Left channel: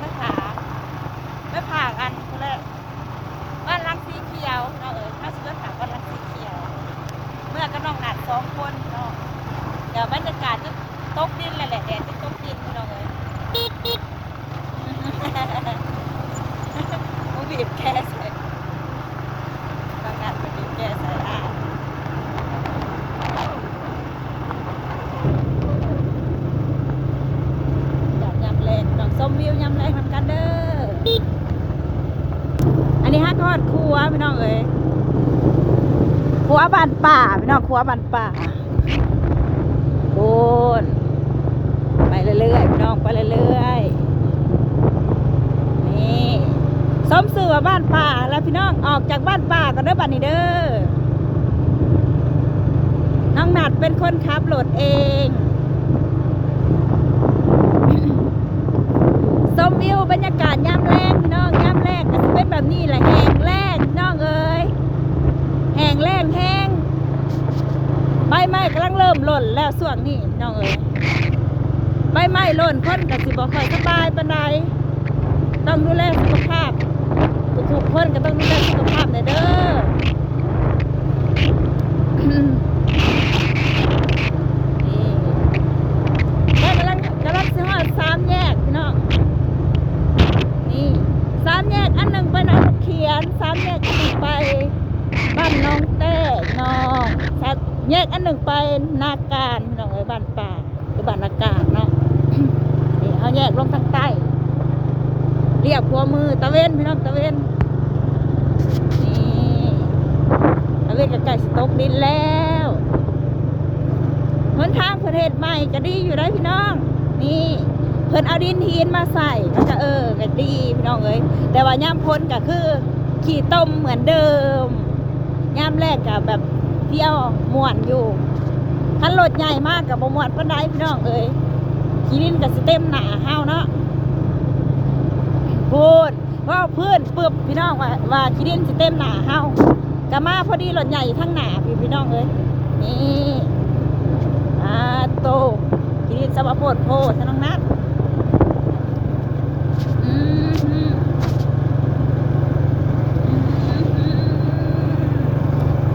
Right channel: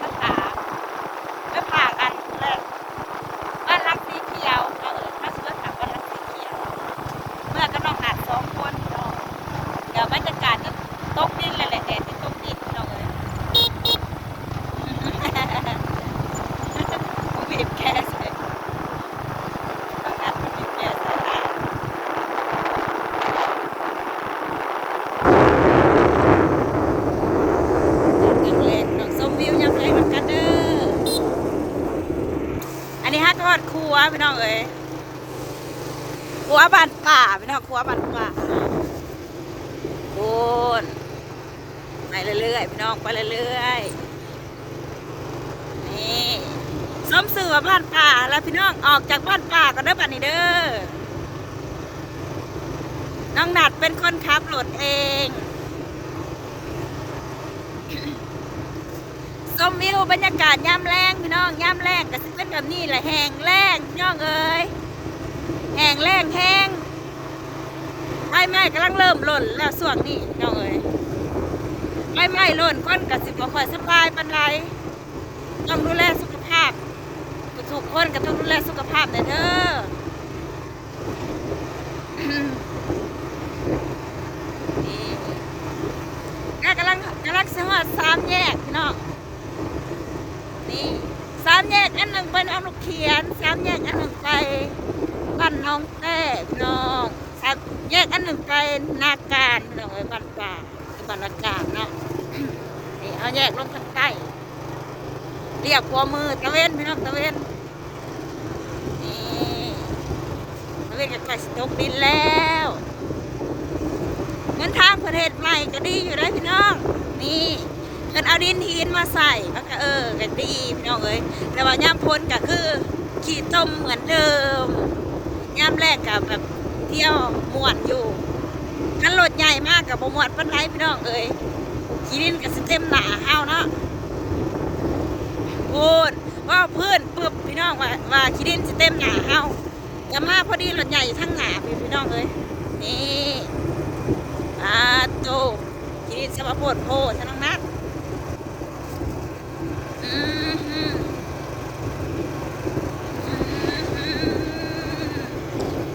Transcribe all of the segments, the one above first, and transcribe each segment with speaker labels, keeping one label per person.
Speaker 1: that รัวพี่น้องเอ้ยครัวบ้านป่าพี่น้องครัวบ้านป่าโอนไปเรื่อยๆพี่น้องไปเรื่อยๆนี่สมสื่อบ้านป่าแล้วพี่น้องออกจากบ้านป่าก็เด้อบัดนี้เด้อน้องหนัดเป็นคนขับรถเอง มวิวบรรยากาศยามแรงพี่น้องยามแรงก็จะเป็นแบบนี้แหละแหงแรงพี่น้องเอ้ยแหงแรงแห้งใบไม้กำลังเริ่มหล่นแล้วส่วงนี้พี่น้องเอ้ยใบไม้หล่นคนก็สิบค่อยสบายปานใดต้องดูแลสุขภาพทุกคนก็ต้องดูแลสุขภาพเด้อนี่แล้วกำลังกำลังสหอดสามแยกพี่น้อง สามแยกอันหนึ่งไปน้องเขียนสามแยกอันหนึ่งไปบ้านน้องเต้น้องสามแยกอันหนึ่งไปนาการพี่น้องไอ้บ้านป่าคือบ้านนาการเนาะนี่เอาแยกลงทางใต้เรียกหัวมือตะเวนพี่น้องตะเวนนี่ตะเวนกับไก่สตกดินแล้วเหมือนทางประเทศใหม่ก็ดีอยู่ได้พี่น้อง นี่ เพิ่นเอาดินทีนมาใส่มันก็เออก็ดีพี่น้องเอ้ยแต่ว่าย่ามพ้นก็คือขี่ต้มเหมือนเดิมย่ามแรกกับแบบเที่ยวม่วนอยู่คันรถใหญ่มากกับบ่ม่วนปานใดพี่น้องเอ้ยขี่ดินก็สิเต็มหนาเฮาเนาะพูดว่าเพื่อนปึ๊บพี่น้องว่าว่าขี่ดินสเต็มหนาเฮาวก็มาพอดีรถใหญ่อยู่ทั้งหนาพี่พี่น้องเอ้ยนี่อาโตขี่ดินสะบะโพดโพดทั้งนั้อืมฮึอืมฮึ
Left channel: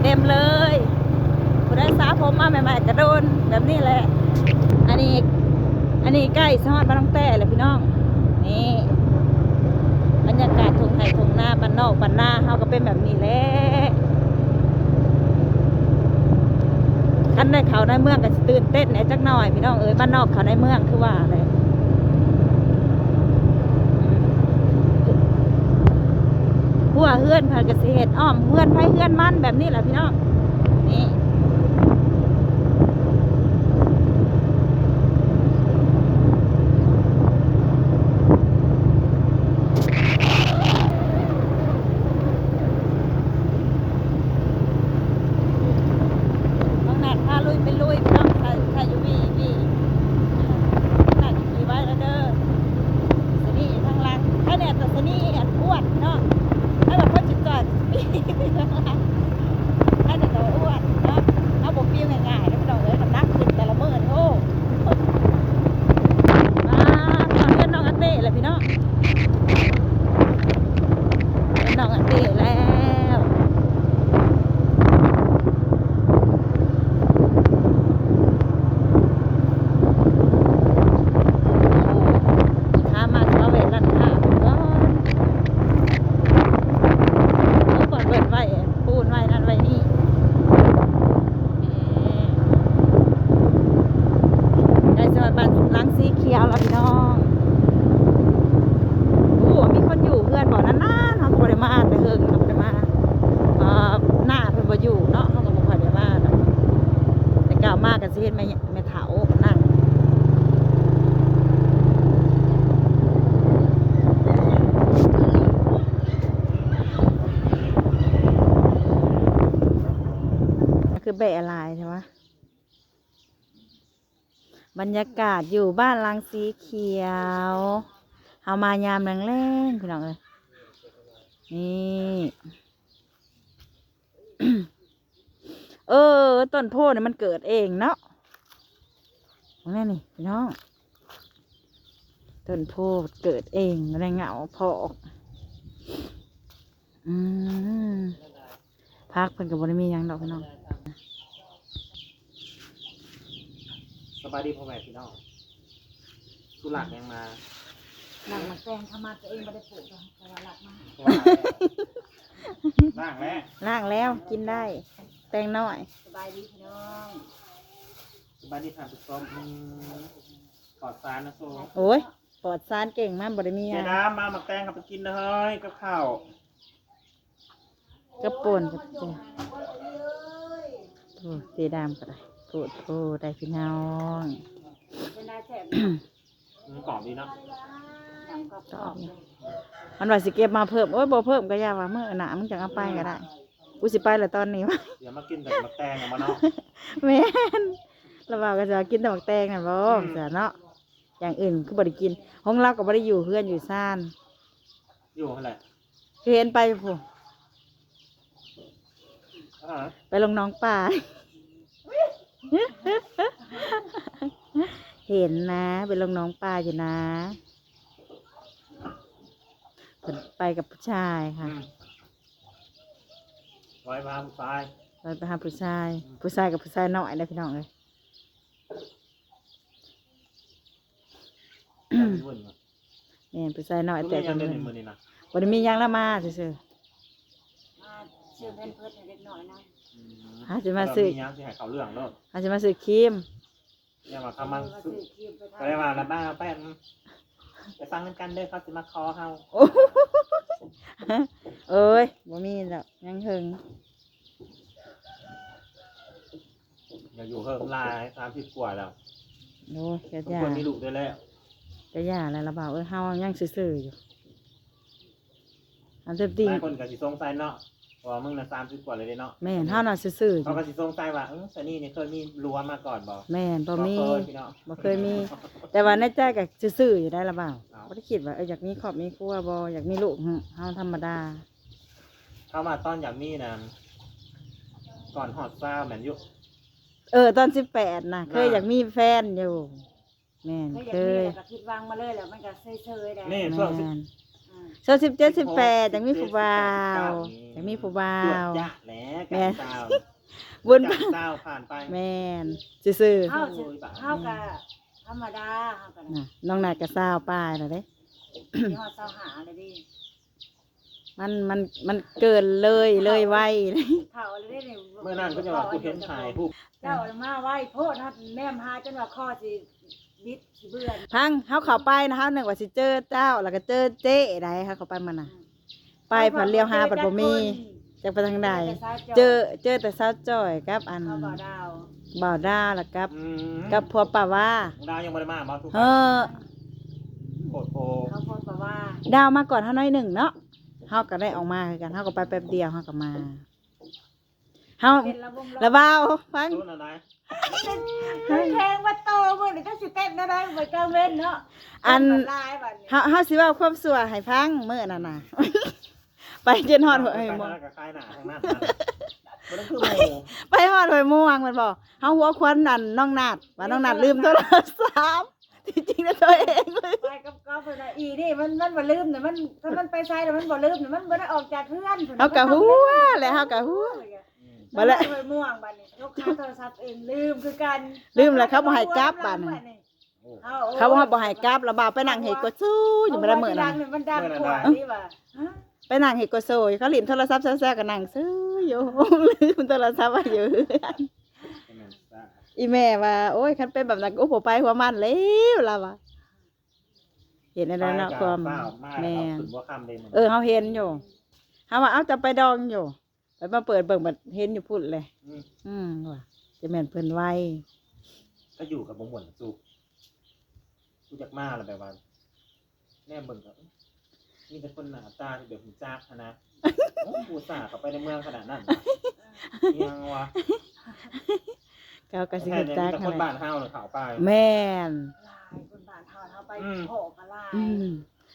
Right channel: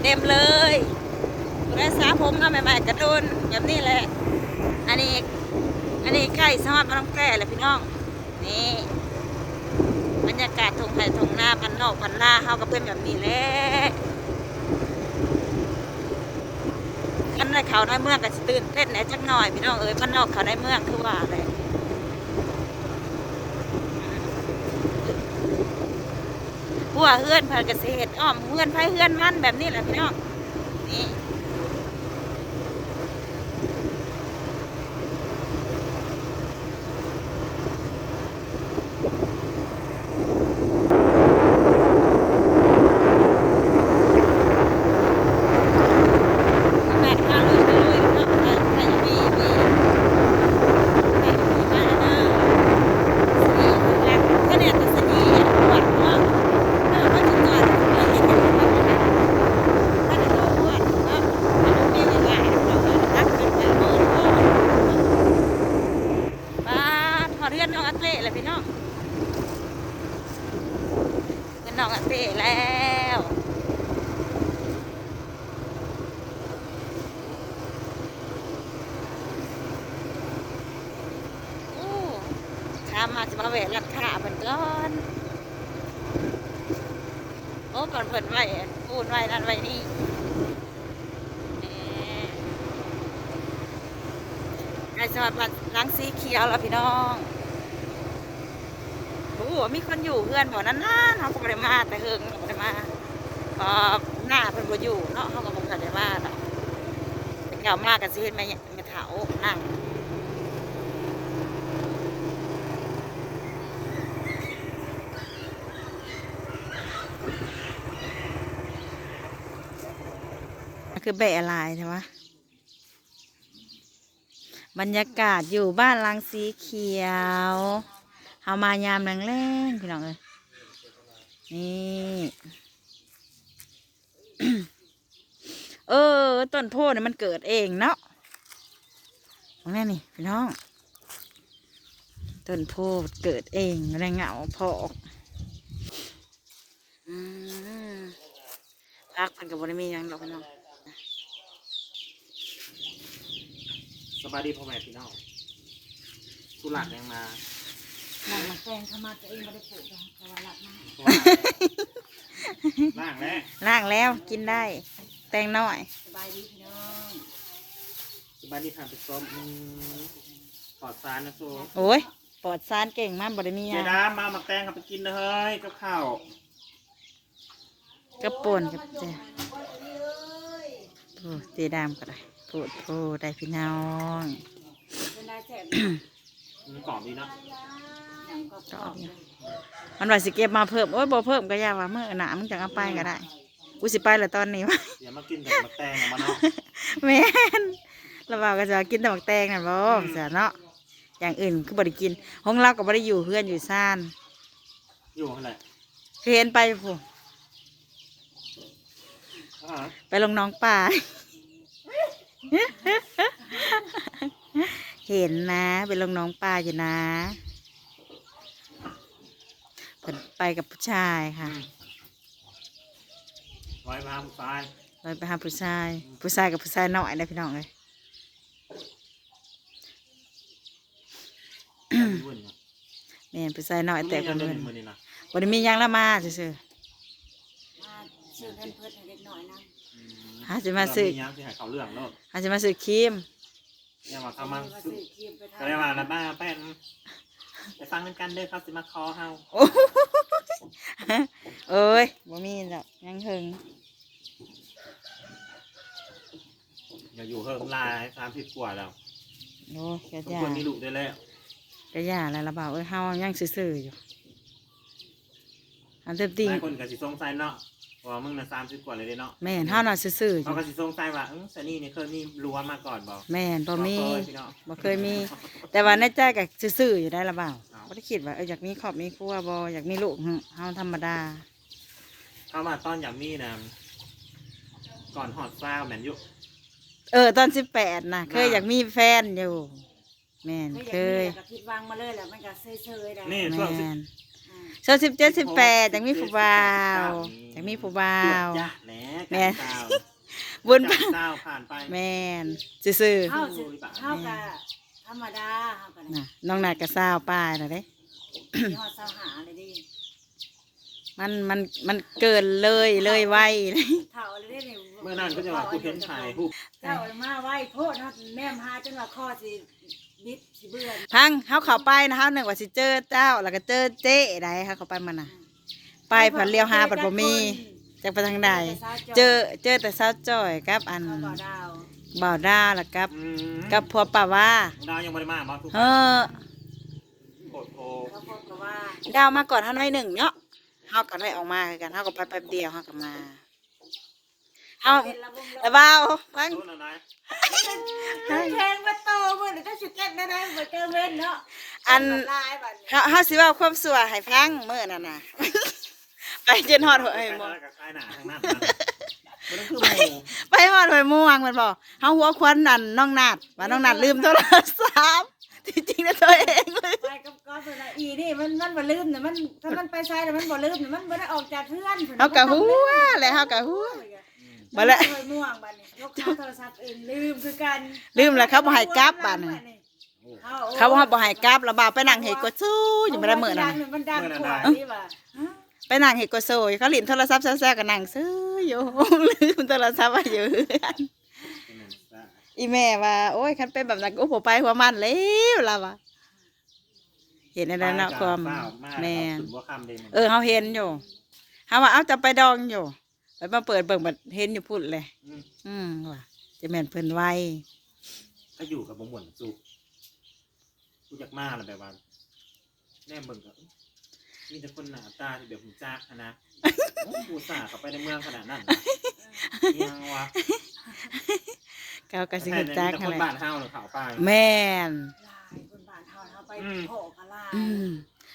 Speaker 1: เต็มเลยผู้ได้สาผมมาใหม่ๆกระโดนแบบนี้แหละ อันนี้ อันนี้ใกล้สมัครบ้านน้องแต่แหละพี่น้อง นี่บรรยากาศทงไห่ทงหน้าบ้านนอกบ้านหน้าเฮาก็เป็นแบบนี้แหละคันได้เขาในเมืองก็ตื่นเต้นแหน่จักหน่อยพี่น้องเอ้ยบ้านนอกเขาในเมืองคือว่าอะไหัวเฮือนพาเกษตรอ้อมเฮือนไผเฮือนมันแบบนี้แหละพี่น้องนี่แม่พาลุยไปลุยพี่น้องใครใครจะมีมีใครจะมีบ้างเด้อสีแดงแค่เนี่ยแต่สีปวดเนาะ เรื่องก็จะเกิดเรื่องที่มันแบบนั้นถ้าจะโดนอ้วนก็จะโดนเรียกยังไงเราก็รักกินแต่โดนโอ้ยมาขอเรียนน้องอาเต้เลยพี่น้องเรียนน้องอาเต้แล้วโอ้ข้ามาจะมาเวทกันขาผมก่อน เมื่อก่อนเปิดไว้ปูนไว้นั่นไว้นี่นี่ใกล้สวัสดิ์บ้านล้างสีเขียวแล้วพี่น้องโอ้โหมีคนอยู่เพื่อนบอกนั่นน่นเขาก็บ่ได้มาแต่เฮิงเขาก็บ่ได้มาเอ่อหน้าเพิ่นบ่อยู่เนาะเขาก็บ่ค่อยได้มานะ แต่าวมากกันสิเห็นแม่แม่เฒ่านั่งคือแบะลายใช่ไหมบรรยากาศอยู่บ้านลังสีเขียวเฮามายามแรงๆพี่น้องเอ้ยนี่ เออ ต้นโพธิ์เนี่ยมันเกิดเองเนาะมองแน่นี่พี่น้องต้นโพธิ์เกิดเองแรงเหงาพอออกอืมพักเพิ่นกับบริมีหยังดอกพี่น้อง
Speaker 2: สบายดีพ่อแม่พี่น้องสุรัตน์ยังมา
Speaker 1: แกงเข้ามาตัวเองไม่ได้ปลูกแต่ว่ารักมาก
Speaker 2: เพราะว่าล่างแล้ว
Speaker 1: ล่างแล้วกินได้ แตงน้อย
Speaker 2: สบายดีทางไปซ้อมอืมปลอดสารนะโซ่
Speaker 1: โอ้ยปลอดสารเก่งมากบริมีห
Speaker 2: เดี๋
Speaker 1: ยั
Speaker 2: ย
Speaker 1: ง
Speaker 2: วน้ำมามาแตงกับไปกินเลยกับข้าว
Speaker 1: กระป่นกับแจวโอ้ตีดามก็ได้โปดโพได้พี่น้อง
Speaker 3: เป็นนายแสบ
Speaker 2: อืมกรอบดีเนาะ
Speaker 1: ก็เอาอยู่มันว่าสิเก็บมาเพิ่มโอ้ยบ่เพิ่มก็อยาว่าเมื่อหนามึงจังเอาไปก็ได้ กูสิไปแล้วตอนนี้วะ
Speaker 2: เดี๋ยวมากินกับมะแตงกับมะนาว
Speaker 1: แม่นเราบอกก็จะกินแต่หมักแตงน่ะบ่
Speaker 2: อืม
Speaker 1: เสียเนาะอย่างอื่นคือบ่ได้กินห้องเราก็บ่ได้อยู่เพื่อนอยู่ซ่าน
Speaker 2: อยู่อะไร
Speaker 1: คือเห็นไปผู้
Speaker 2: อ่า
Speaker 1: ไปลงน้องป่าเห็นนะไปลงน้องป่าอยู่นะเพิ่นไปกับผู้ชายค่ะ
Speaker 2: อืมไว้มาผู้ชาย
Speaker 1: เราไปหาผู้ชาย ผู้ชายกับผู้ชายน้อยนะพี่น้องเลย
Speaker 2: แต่มีวุ่นเนาะ
Speaker 1: แม่นผู้ชายน้อยแต่
Speaker 2: มี
Speaker 1: ค
Speaker 2: เงิ
Speaker 1: น
Speaker 2: นเดือน
Speaker 1: เพิ่น
Speaker 2: หนึ่งหมื่นนี่นะ
Speaker 1: บ่ได้มีหยังละมาซื่อ
Speaker 3: มาชื่อเงินเพิ่นให้เล็กน้อยนะ
Speaker 2: อื
Speaker 1: หาสิมาซื้อ
Speaker 2: มียังที่ให้เขาเรื่องเลิก
Speaker 1: ๆอาจจะมาซื้อครีม
Speaker 2: เนี่ยมาเข้ามา
Speaker 3: มา
Speaker 2: ซื้
Speaker 3: ซื้
Speaker 2: อ
Speaker 3: อครีมไปทา
Speaker 2: ก็ได้มาแล้วบ้าแป้นไปฟังกันเด้อเขาสิมาคอเฮา
Speaker 1: โอ้ เอ้ยบ่มีดอกยังเฮิง
Speaker 2: อย่าอยู่เฮิงลายสามสิบกว่าแล้ว
Speaker 1: โอ้ยกะ
Speaker 2: ทุก
Speaker 1: ยา
Speaker 2: คนมีลูกได้แล้ว
Speaker 1: กะยาแล้วละบ่าวเอ้ยเฮายังซื่อๆอยู่อันเต็มตี
Speaker 2: หลายคนก็สิสงสัยเนาะ ว่ามึงน่ะสามสิบกว่าเลยเด้เนาะ
Speaker 1: แม่นเฮาน่ะซื่อๆอ
Speaker 2: เขา
Speaker 1: ยู่
Speaker 2: ก็สิสงสัยว่าเออสนี่นี่เคยมีรั้วมาก่อนบ่
Speaker 1: แม่นบ่มี
Speaker 2: เคยพี่น้อง
Speaker 1: บ่เคยมี แต่ว่าในใจก็ซื่อๆอยู่ได้ละบ่าว
Speaker 2: เอา
Speaker 1: บ่ได้คิดว่าเอออยากมีครอบมีครัวบ่อยากมีลูกหึเฮาธรรมดา
Speaker 2: เข้ามาตอนอย่างมีนะก่อนฮอดฟ้าวแมนยุ
Speaker 1: เออตอน18น่ะเคยอยากมีแฟนอยู่ แม่น
Speaker 3: เค
Speaker 1: เค
Speaker 3: ย
Speaker 1: ย
Speaker 3: ก็ผิดหวังมาเลยแหละมันก็เซยๆได้
Speaker 2: นี่
Speaker 1: แม่
Speaker 2: ช่วงสิบ
Speaker 1: น
Speaker 3: อืม
Speaker 1: โซสิบเจ็ดสิบแปดจังมีผู้บ่าวจังมีผู้บ่า
Speaker 2: ตรวจ
Speaker 1: ว
Speaker 2: จ้ะแหล้ว
Speaker 1: แม่
Speaker 2: การเจ้า
Speaker 1: บุญ
Speaker 2: จากเจ้าผ่านไป
Speaker 1: แม่นซื่อ
Speaker 3: เฮาสิเฮาก็ธรรมดาเฮาก็
Speaker 1: ๆน่ะน้องนาดกระซาวป้ายน่ะเด้
Speaker 3: ฮอดเสาหาเลยดิ
Speaker 1: มันมันมันเกินเลยเลยไวเลย
Speaker 3: เฒ่าเลยเด้นี่
Speaker 2: เมื่อนั้นก็จะว่ากูเห็นชายผู้
Speaker 3: เจ้ามาไว้โพดเฮาแนมหาจนว่าคอสิ บิดสิเบื่อ
Speaker 1: พังเฮาเข้าไปนะเฮานึกว่าสิเจอเจ้า แล้วก็เจอเจ๊ได้เฮาเข้าไปมันน่ะ ไปผันเลี้ยวหาผันบ่มีจักไปทางใดเจอเจอแต่สาวจ้อยกับอัน
Speaker 3: เขาบ่ดาว
Speaker 1: บ่าวดาวแล้วกับ
Speaker 2: อืม
Speaker 1: กับพัวป่าว่า
Speaker 2: ดาวยังไม่ได้มามาทุก
Speaker 1: เออ
Speaker 2: โคตรโพ
Speaker 3: เขาพูดแบบว่า
Speaker 1: ดาวมาก่อนเฮาหน่อยหนึ่งเนาะเฮาก็ได้ออกมาคือกันเฮาก็ไปแป๊บเดียวเฮาก็มา เฮา
Speaker 3: เป็นระบม
Speaker 1: ระเบ้าฟัง
Speaker 2: รู้แล้วนะ
Speaker 3: แทงมาโตมือนี่ถ้าสิเต้นได้ได้เหมือนเจ้าเว้นเนาะ
Speaker 1: อัน
Speaker 3: ลายบัดนี้
Speaker 1: เฮาเฮาสิเว้าความสัวให้ฟังมื้อนั้นน่ะไปจนฮอดหัว
Speaker 2: ไป
Speaker 1: ไอ้หม
Speaker 2: ทา
Speaker 1: อง
Speaker 2: กับคลายหนาทางนั้นนะมันต้องคือหมู
Speaker 1: ไปฮอดหอยม่วงมันบอกเฮาหัวควันนั่นน้องนาดว่าน้องนาดลืมโทรศัพท์ที่จริงแล้วตัวเองเลย
Speaker 3: ไปกับกอล์ฟเลยนะอีนี่มันมันบ่ลืมเนี่ยมันถ้ามันไปใช้แต่มันบ่ลืมเนี่ยมันบ่ได้ออกจากเพื่อน
Speaker 1: เฮาก็หัวแหละเฮาก็หัว บ่
Speaker 3: บ่
Speaker 1: ละ
Speaker 3: ละม่วงบัดนี้ยกโทรศัพท์เองลืมคือกัน
Speaker 1: ลืมแล้วเขาบ่ให้กลับบัดนี้เขาว่าบ่ให้กลับแล้วบ่าวไปนั่งเฮ็ดก็สู้อยู่บ่ได้มื้อนั้นน่ะ
Speaker 3: มันดังกว่านี่ว่า
Speaker 1: ไปนั่งเฮ็ดก็โซยเขาลิ้นโทรศัพท์แซ่ๆก็นั่งซื้ออยู่ลืมโทรศัพท์ไว้อยู่เรือนอีแม่ว่า โอ้ยคันเป็นแบบนั้นก็บ่ไปหัวมันแล้วล่ะว่าเห็นอะไรเนาะความแม่น
Speaker 2: ถึงว่าคำเลยมัน
Speaker 1: เออเฮาเห็นอยู่เฮาว่าเอาจะไปดองอยู่ ไปมาเปิดเบิ่งบัดเห็นอยู่พุ่นเลย
Speaker 2: ม
Speaker 1: อืมว่าจะแม่นเพิ่นไว
Speaker 2: ก็อยู่กับบ่ม่วนสุกกูอยากมาแล้วแบบว่าแน่เบิ่งก็เอ้ยมีแต่คนหน้าตาที่แบบหูจักหั้นนะโอ้กูสาเข้าไปในเมืองขนาดนั้นน่ะยังวะ
Speaker 1: เขาก็สิฮู้จัก
Speaker 2: แต่
Speaker 1: นั่
Speaker 2: คนน
Speaker 1: แหละ
Speaker 2: บ้านเฮาเนี่ยเขาไป
Speaker 1: แม่น
Speaker 3: ลายคนบ้านเฮาเฮาไป
Speaker 2: อืม
Speaker 3: โผกะลาย
Speaker 1: อืม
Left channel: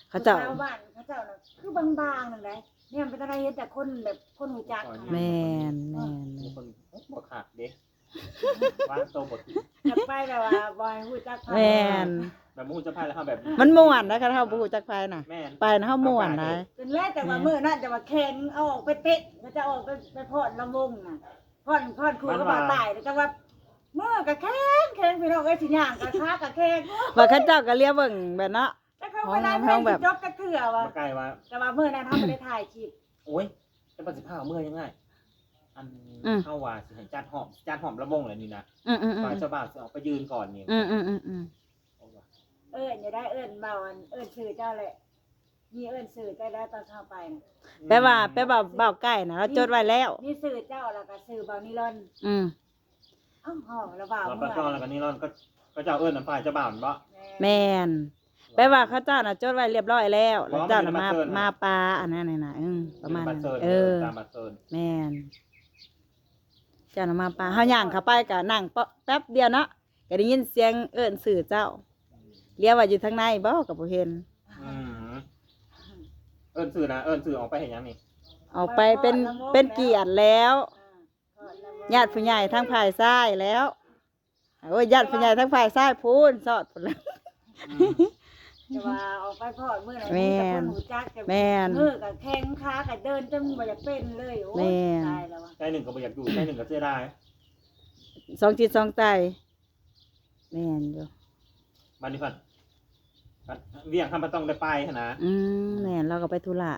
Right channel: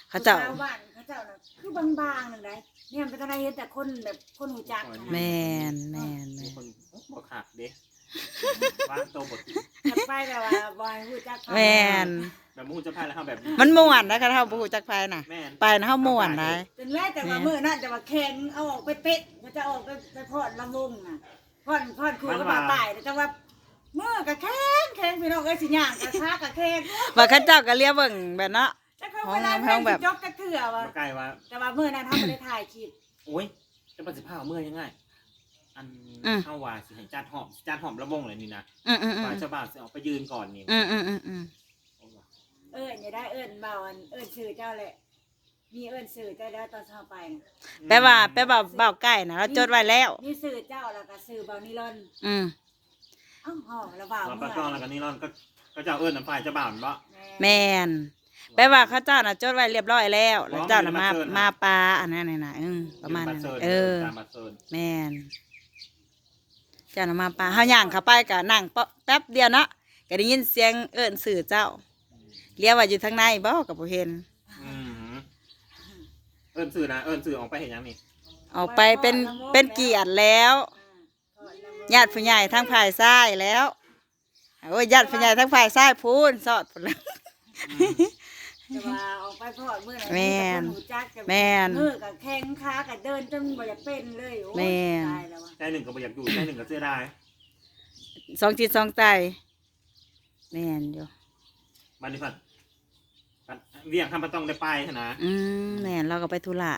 Speaker 1: เขาเจ้า
Speaker 3: ชวบ้านเขาเจ้าน่ะคือบางๆนั่นแหละ เนี่ยมันเป็นอะไรเห็นแต่คนแบบคนหูจักนะ
Speaker 1: แม่นแม่น
Speaker 2: มี
Speaker 1: แม่น
Speaker 2: คนโอ้บ่ขาดเด้วางโตวบท
Speaker 3: ถัดไปแต่ว่าบอยหูจัก
Speaker 1: แม่น
Speaker 2: แบบมูจะพายแล้วเฮาแบบ
Speaker 1: มันม่วนนะคะเฮาบ่ฮู้จักไผน่ะ
Speaker 2: แม่น
Speaker 1: ไปนะเฮาม่วนได้
Speaker 3: จนแม้แต่ว่ามื้อนั้นแต่ว่าแข่งเอาออกไปเตะมันจะออกไปไปพอดลำวงน่ะพอดพอดครูก็บ่าตายแต่ว่ามื้อก็แข่งแข่งพี่น้องเอ้ยสิย่างก็ค้าก็แข่ง
Speaker 1: ว่าเขาเจ้าก็เรียกเบิ่งแบบเนาะ
Speaker 3: แต่เขาเวลา
Speaker 1: ห้องแบบ
Speaker 3: จบก็เถื่อว่า
Speaker 2: มาใกล้ว่า
Speaker 3: แต่ว่ามื้อนั้นเฮาบ่ได้ถ่ายคลิป
Speaker 2: โอ้ยจะประสิทธิภาพเมื่อยังไงอัน
Speaker 1: อืม
Speaker 2: เข้าว่าสิให้จัดหอมจัดหอมระบงเลยนี่นะ
Speaker 1: อืมอืมอืม
Speaker 2: ฝ่ายเจ้าบ่าวสิออกไปยืนก่อนนี่
Speaker 1: อืมอืมอืมอืม
Speaker 2: โอ้ว่ะ
Speaker 3: เอิ้นอย่าได้เอิ้นเบาอันเอิ้นชื่อเจ้าแหละ มีเอิ้นสื่อแต่แล้วตอนเช้าไปน่ะ
Speaker 1: แปลว่าแปลว่าเบาใกล้นะเราจดไว้แล้ว
Speaker 3: มีสื่อเจ้าแล้วก็สื่อเบานิลอน
Speaker 1: อืม
Speaker 3: อ้าวห้องแล้วบ่าว
Speaker 2: เรา
Speaker 3: เมื่
Speaker 2: ก็
Speaker 3: อ
Speaker 2: ต้องแล้วก็นี่ร่อนก็ก็จะเอาเอิ้นน้ำฝ่ายเจ้าบ่าวนั่นบ่
Speaker 1: แม่น แปลว่าเขาเจ้าน่ะจดไว้เรียบร้อยแล้วแล้วเจ้าน่ะมา
Speaker 2: บ่มันเป็นบัตรเชิญนะ
Speaker 1: มาปลาอันนั้นน่ะนะอืมประมาณนั้น
Speaker 2: บัตเซิร์
Speaker 1: เออ
Speaker 2: ตามบัตรเซิร์น
Speaker 1: แม่นเจ้าน่ะมาปลาเฮาย่างเข้าไปก็นั่งเปาะแป๊บเดียวเนาะก็ได้ยินเสียงเอิ้นสื่อเจ้าเรียกว่าอยู่ทางในบ่ก็บ่เห็น
Speaker 2: อืมเอิ้นสื่อนะเอิ้นสื่อออกไปเห็นยังนี่
Speaker 1: ออกไปเป็นเป็นเกียรติแล้วญาติผู้ใหญ่ทั้งฝ่ายซ้ายแล้วโอ้ยญาติผู้ใหญ่ทั้งฝ่ายซ้ายพูนสอดพุ่นแล้ว
Speaker 3: จะว่าออกไปพอดเมื่อไหร่
Speaker 1: แม่น
Speaker 3: คนหูจักจะ
Speaker 1: แม่น
Speaker 3: มือกับแข้งขากับเดินจนบ่อยากเป็นเลยโอ้ย
Speaker 1: แม่น
Speaker 3: ตายแล้วว่ะ
Speaker 2: ใจหนึ่งก็บ่อยากอยู่ใจหนึ่งก็เสียดาย
Speaker 1: สองจิตสองใจแม่นอยู่
Speaker 2: บันนี้พัดพัดเวียงคำปะต้องได้ไปหั้นนะ
Speaker 1: อืมแม่นเราก็ไปธุระ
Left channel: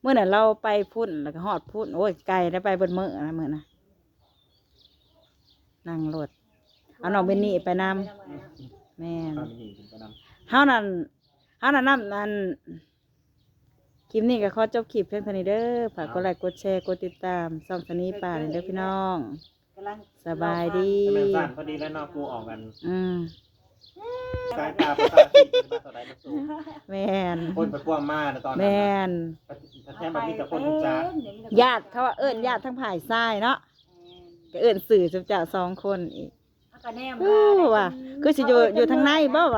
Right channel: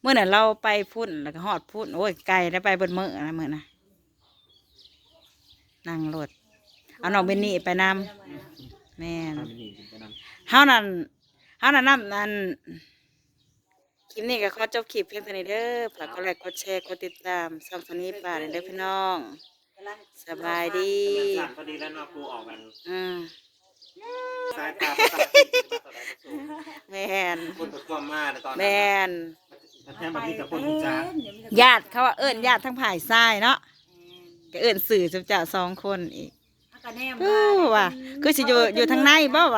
Speaker 1: เมื่อนั้นเราไปพุ่นแล้วก็ฮอดพุ่นโอ้ยไกลได้ไปเบนมื้อนะมื้อนะนั่งรถเอาน้องเบนนี่ไปนำแม่น
Speaker 2: ทำเป็นหนีถึงไปนำ
Speaker 1: เฮานั่น เฮานั่นนำนั่นคลิปนี้ก็ขอจบคลิปเพียงเท่านี้เด้อฝากกดไลค์กดแชร์กดติดตามส่องสนีป่าเด้อพี่น้อง
Speaker 3: กำลัง
Speaker 1: สบายดี
Speaker 2: จะเป็นสั้นพอดีแล้วเนอกกูออกกัน
Speaker 1: อืม
Speaker 2: สายตาประสาทที่บ้านต่อได้มาสู่
Speaker 1: แม่น
Speaker 2: คนไปพ่วงมาในตอนนั้น
Speaker 1: แม่น
Speaker 2: แทนแบบนี้แต่คนรู้จัก
Speaker 1: ญาติเขาว่าเอิ้นญาติทั้งภายซ้ายเนาะก็เอิ้นสื่อจุเจ้าสองคนอีก
Speaker 3: ก็แนม
Speaker 1: อู้ว่ะคือสิอยู่อยู่ทางในบ่วะ